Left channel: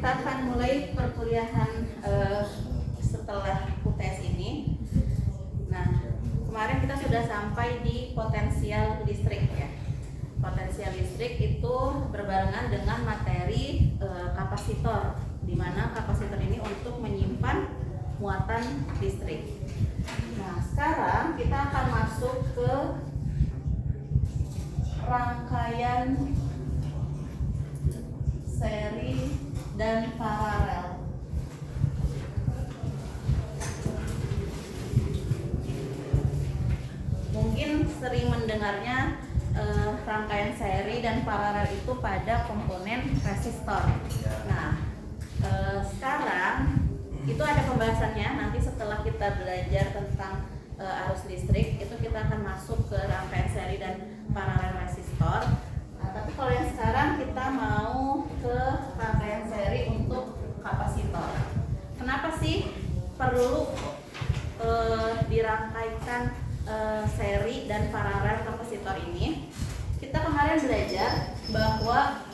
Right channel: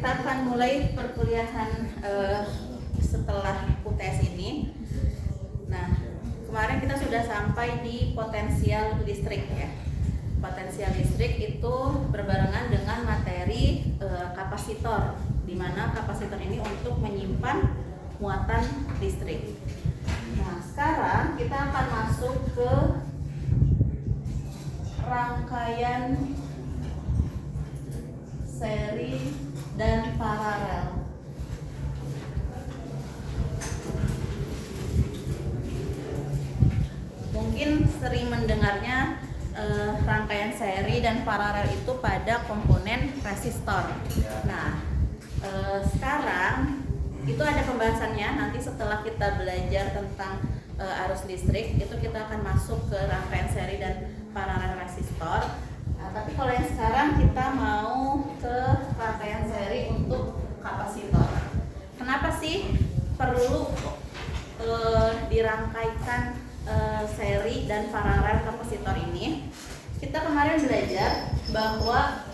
kita akan mulai perkuliahan setelah UTS ini. Nah, kemarin kita sudah sampai di potensial listrik ya. Potensial listrik itu berbarengan dengan materi kapasitor, di mana kapasitor ini untuk menyimpan muatan listrik. Nah, sekarang kita akan masuk ke rangkaian seri dan paralel. Mungkin sering mendengarnya rangkaian seri dan paralel itu pada komponen resistor. Nah, sekarang itu ada pembahasannya. Nanti setelah kita belajar tentang arus listrik, itu kita akan masuk ke rangkaian seri dan paralel resistor. Nah, tapi kalau yang sekarang kita mau ke rangkaian seri untuk kapasitor. Kenapa sih perlu dirangkaikan seri dan paralel kapasitor ini? Kita kemarin belajar bahwa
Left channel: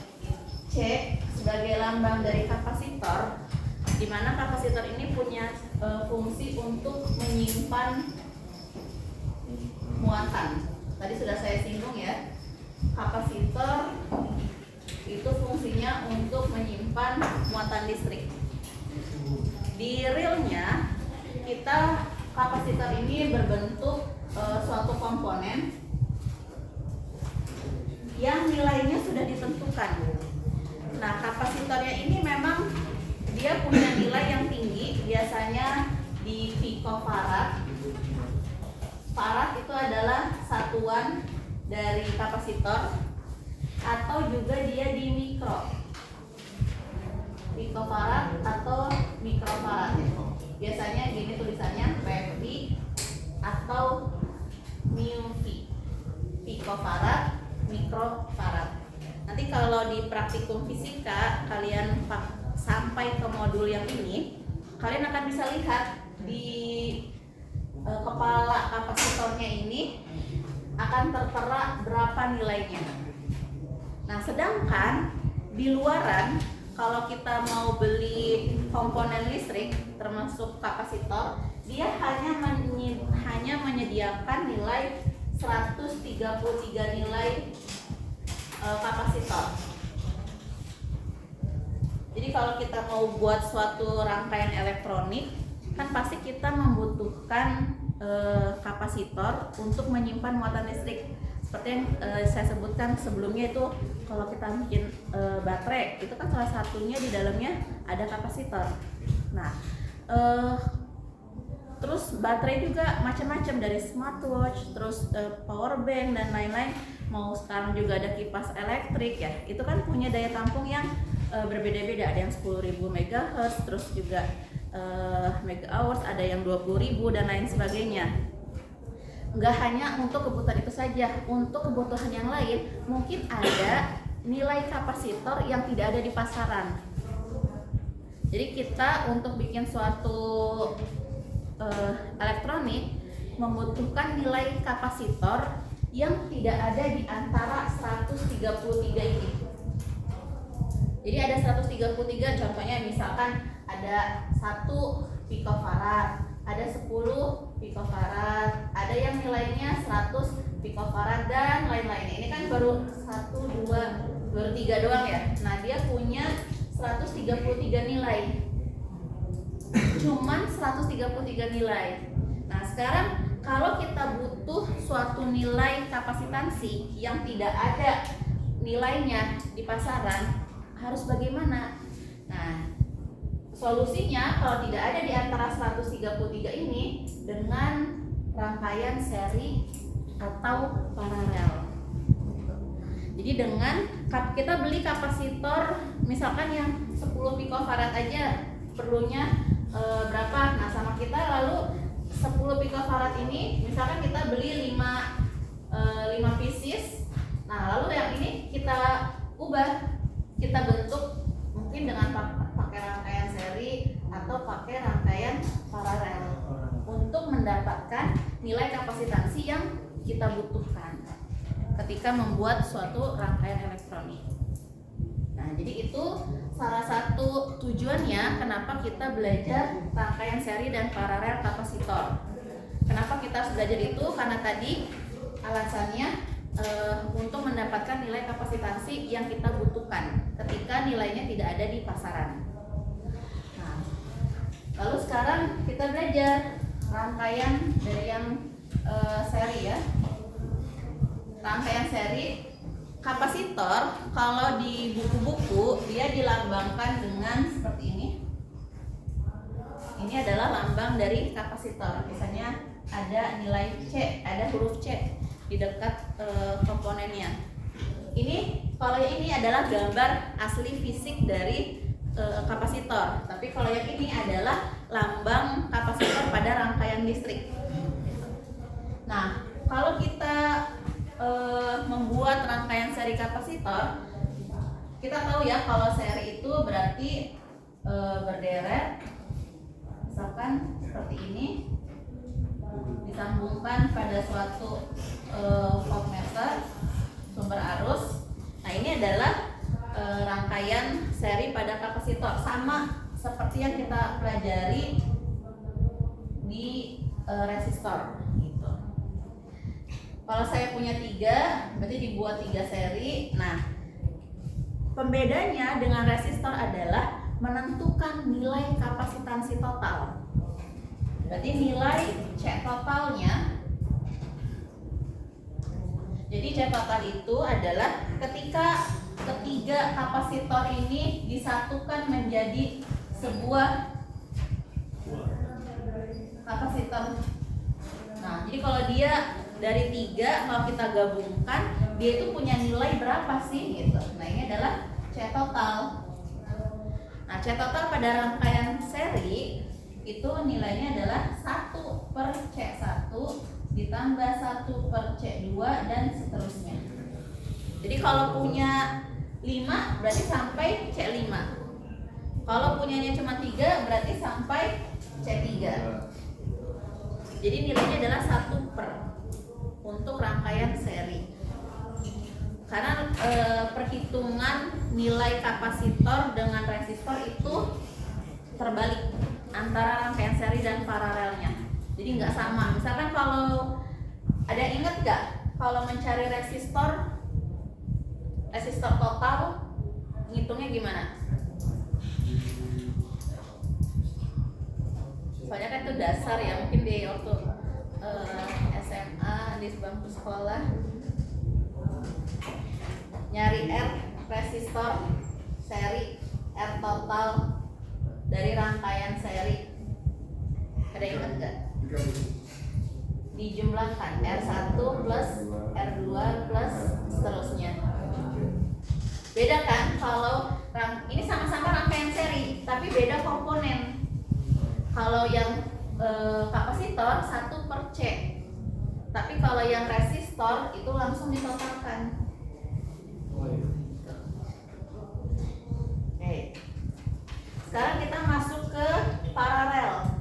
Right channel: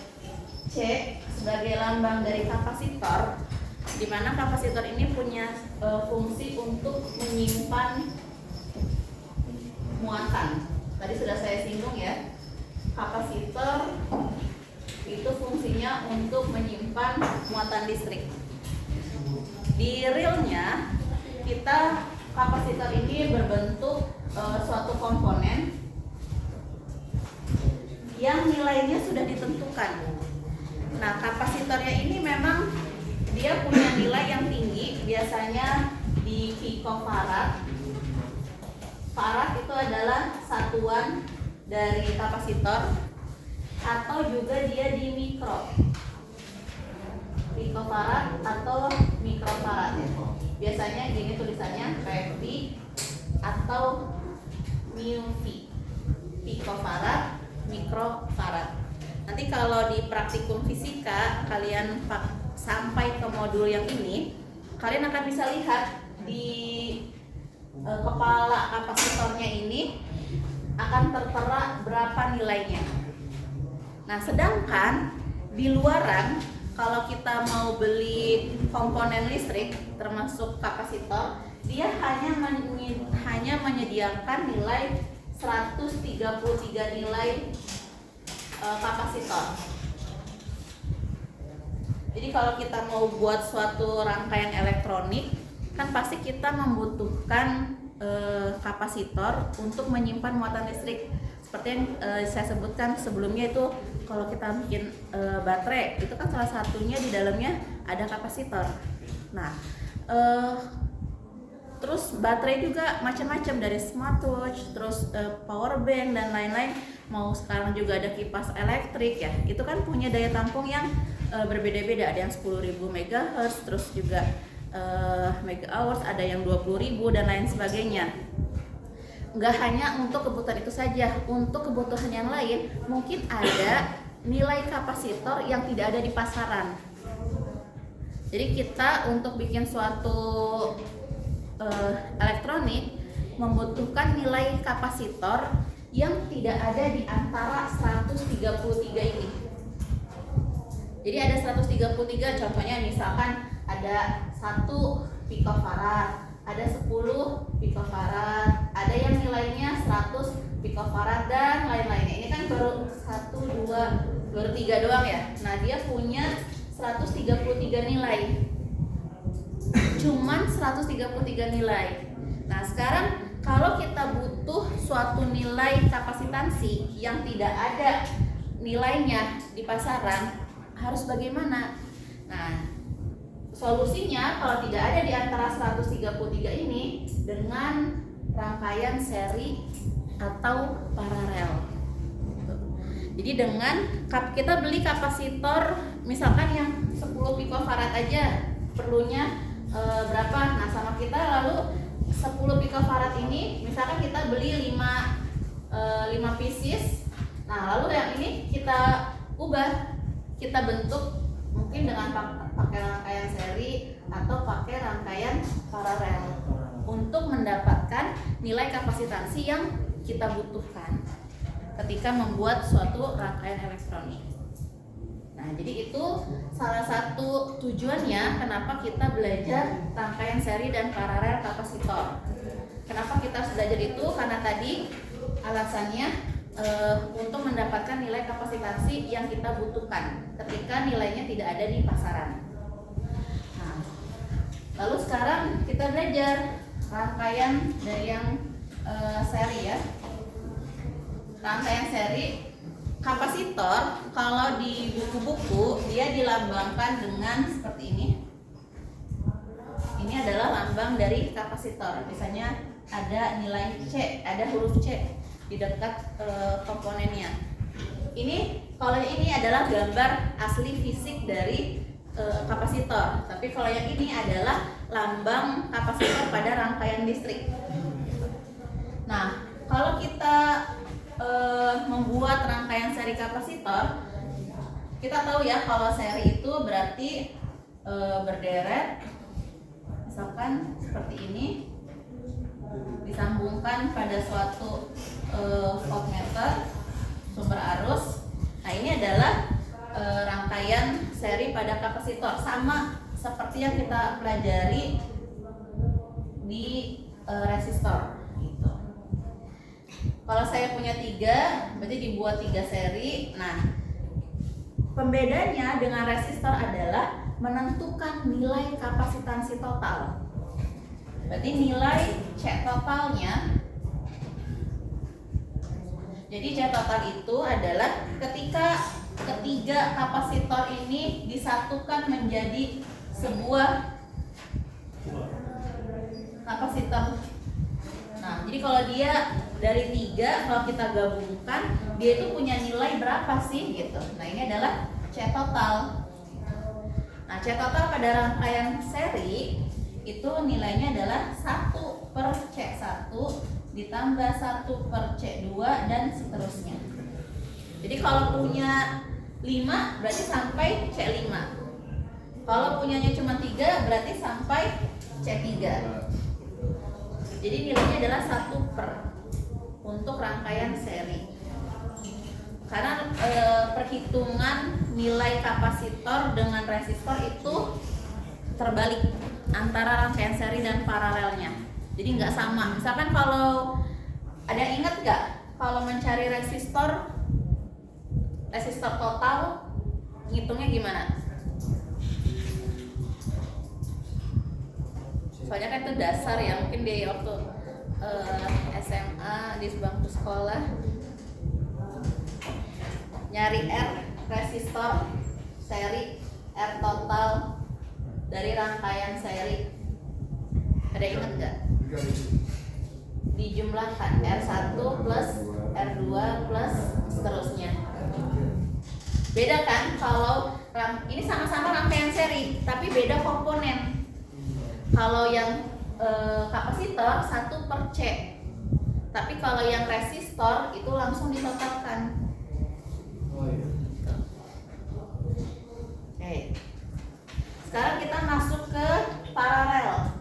C sebagai lambang dari kapasitor, di mana kapasitor ini punya fungsi untuk menyimpan muatan. Tadi sudah saya singgung ya. Kapasitor itu fungsinya untuk menyimpan muatan listrik. Di realnya kita kapasitor ini berbentuk suatu komponen yang nilainya sudah ditentukan. Nah, kapasitornya ini memang dia punya nilai yang tinggi, biasanya di picofarad. Farad itu adalah satuan dari kapasitor, atau juga dia di mikro, picofarad atau mikrofarad ya. Biasanya gini tulisannya PV atau μV, picofarad, mikrofarad. Nanti kalau di praktikum fisika kalian sampai ke modul yang ini, kalian akan bisa lihat di kepala kapasitornya ini akan tertera berapa nilainya. Nah, sedangkan di luaran kalau kita mau beli komponen listrik termasuk kapasitor, dia hanya menyediakan nilai 133 nilai kapasitor. Jadi kalau kita mau buat suatu rangkaian elektronik, kan pasti kita membutuhkan kapasitor untuk menyimpan muatan listrik. Seperti yang saya sebutkan sebelumnya, itu kalau kita bikin baterai, itu kan salah satunya di dalamnya ada kapasitor. Nah, terus baterai juga macam-macam, dari smartwatch, terus power bank dan lain-lain. Mau sekarang juga ada kipas elektrik ya, itu kan punya daya tampung yang berbeda-beda. Ada yang 10.000 MHz, terus juga mega hours, ada yang 20.000 dan lain sebagainya. Nggak hanya untuk kebutuhan itu saja, untuk kebutuhan yang lain mungkin ada nilai kapasitor yang tidak ada di pasaran. Jadi kita untuk bikin suatu elektronik membutuhkan nilai kapasitor yang tidak ada di antara 133 ini. Jadi ada 133, contohnya misalkan ada 1 picofarad, ada 10 picofarad, ada yang nilainya 100 picofarad dan lain-lainnya. Ini kan baru 1, 2, baru 3 doang ya. Nah, dia punya 133 nilai. Cuman 133 nilai. Nah, sekarang kalau kita butuh suatu nilai kapasitansi yang tidak ada nilainya di pasaran, harus bagaimana? Nah, solusinya kalau tidak ada di antara 133 ini, dengan rangkaian seri atau paralel. Jadi dengan kita beli kapasitor misalkan yang 10 picofarad aja perlunya berapa? Nah, sama kita lalu 10 picofarad ini misalkan kita beli 5 pieces. Nah, lalu yang ini kita ubah, kita bentuk mungkin dengan pakai rangkaian seri atau pakai rangkaian paralel untuk mendapatkan nilai kapasitansi yang kita butuhkan ketika membuat suatu rangkaian elektronik. Nah, jadi itu salah satu tujuannya kenapa kita belajar rangkaian seri dan paralel kapasitor. Kenapa kita harus belajar itu? Karena tadi alasannya untuk mendapatkan nilai kapasitasi yang kita butuhkan ketika nilainya tidak ada di pasaran. Nah, lalu sekarang kita belajar rangkaian dari yang seri ya. Rangkaian seri kapasitor kalau di buku-buku dia dilambangkan dengan seperti ini. Ini adalah lambang dari kapasitor. Misalnya ada nilai C, ada huruf C di dekat komponennya. Ini kalau ini adalah gambar asli fisik dari kapasitor. Tapi kalau yang ini adalah lambang kapasitor pada rangkaian listrik. Nah, kalau kita membuat rangkaian seri kapasitor, kita tahu ya kalau seri itu berarti berderet, misalkan seperti ini, disambungkan pada suatu voltmeter sumber arus. Nah, ini adalah rangkaian seri pada kapasitor, sama seperti yang kita pelajari di resistor. Kalau saya punya 3, berarti dibuat 3 seri. Nah, pembedanya dengan resistor adalah menentukan nilai kapasitansi total. Berarti nilai C totalnya. Jadi C total itu adalah ketika ketiga kapasitor ini disatukan menjadi sebuah kapasitor. Nah, jadi kalau dia dari 3, kalau kita gabungkan, dia itu punya nilai berapa sih gitu. Nah, ini adalah C total. Nah, C total pada rangkaian seri itu nilainya adalah 1/C1 ditambah 1/C2 dan seterusnya. Jadi kalau punya 5 berarti sampai C5. Kalau punyanya cuma 3 berarti sampai C3. Jadi nilainya adalah 1/, untuk rangkaian seri. Karena perhitungan nilai kapasitor dengan resistor itu terbalik antara rangkaian seri dan paralelnya. Jadi nggak sama. Misalkan kalau ada yang ingat nggak kalau mencari resistor total ngitungnya gimana? Soalnya kan itu dasar ya, mungkin di waktu SMA di bangku sekolah nyari R resistor seri, R total dari rangkaian seri. Ada ingat nggak? Dijumlahkan R1 plus R2 plus seterusnya. Beda kan kalau ini sama-sama rangkaian seri tapi beda komponen. Kalau yang kapasitor 1/C, tapi kalau yang resistor itu langsung ditotalkan. Oke. Sekarang kita masuk ke paralel.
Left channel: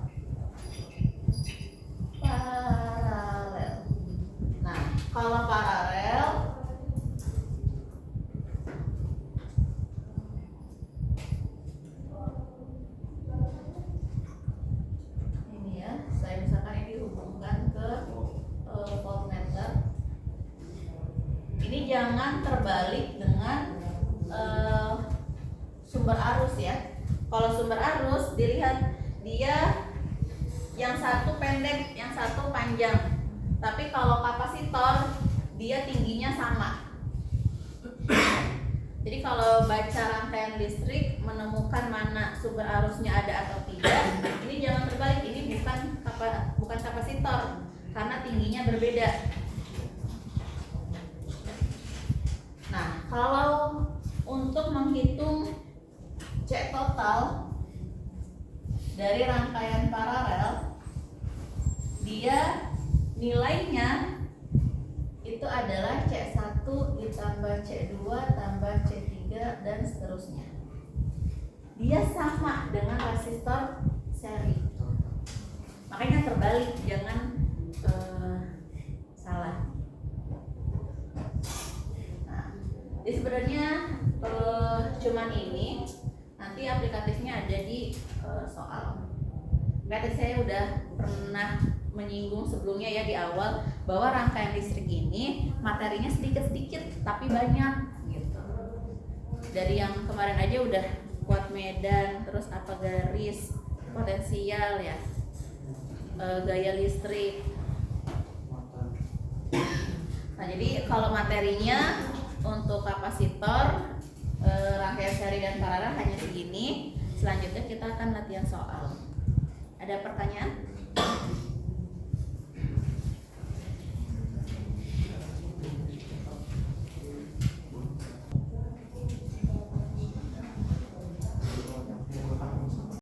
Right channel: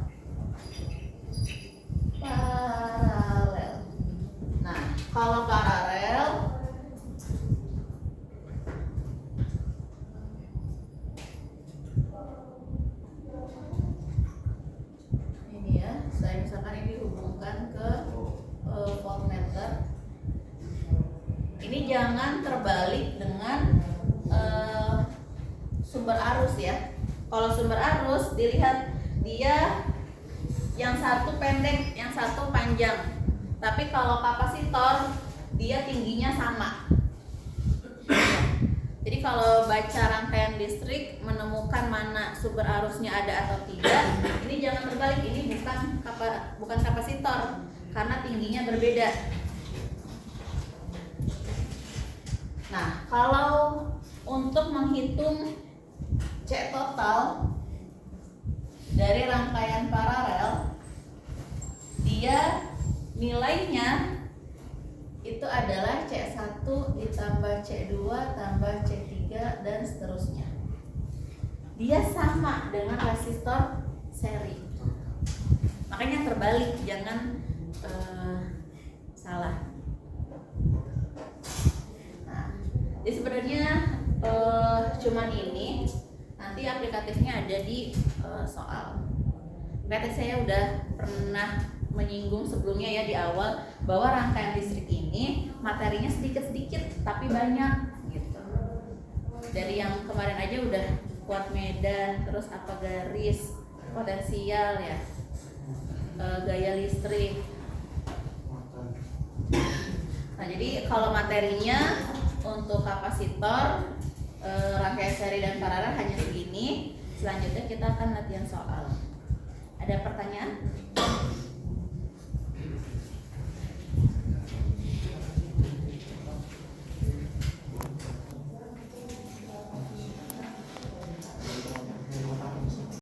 Nah, kalau paralel saya misalkan ini dihubungkan ke voltmeter. Ini jangan terbalik dengan sumber arus ya. Kalau sumber arus dilihat dia yang satu pendek, yang satu panjang. Tapi kalau kapasitor dia tingginya sama. Jadi kalau baca rangkaian listrik menemukan mana sumber arusnya ada atau tidak, ini jangan terbalik, ini bukan kapasitor karena tingginya berbeda. Nah, kalau untuk menghitung C total dari rangkaian paralel, dia nilainya itu adalah C1 ditambah C2 tambah C3 dan seterusnya. Dia sama dengan resistor seri. Makanya terbalik, jangan salah. Nah, jadi sebenarnya cuman ini Nanti aplikatifnya ada di soal. Berarti saya udah pernah menyinggung sebelumnya ya di awal bahwa rangkaian listrik ini materinya sedikit-sedikit tapi banyak gitu. Dari yang kemarin aja udah kuat medan, terus apa garis, potensial ya, gaya listrik. Nah jadi kalau materinya untuk kapasitor, rangkaian seri dan paralel hanya segini. Selanjutnya kita akan latihan soal. Ada pertanyaan?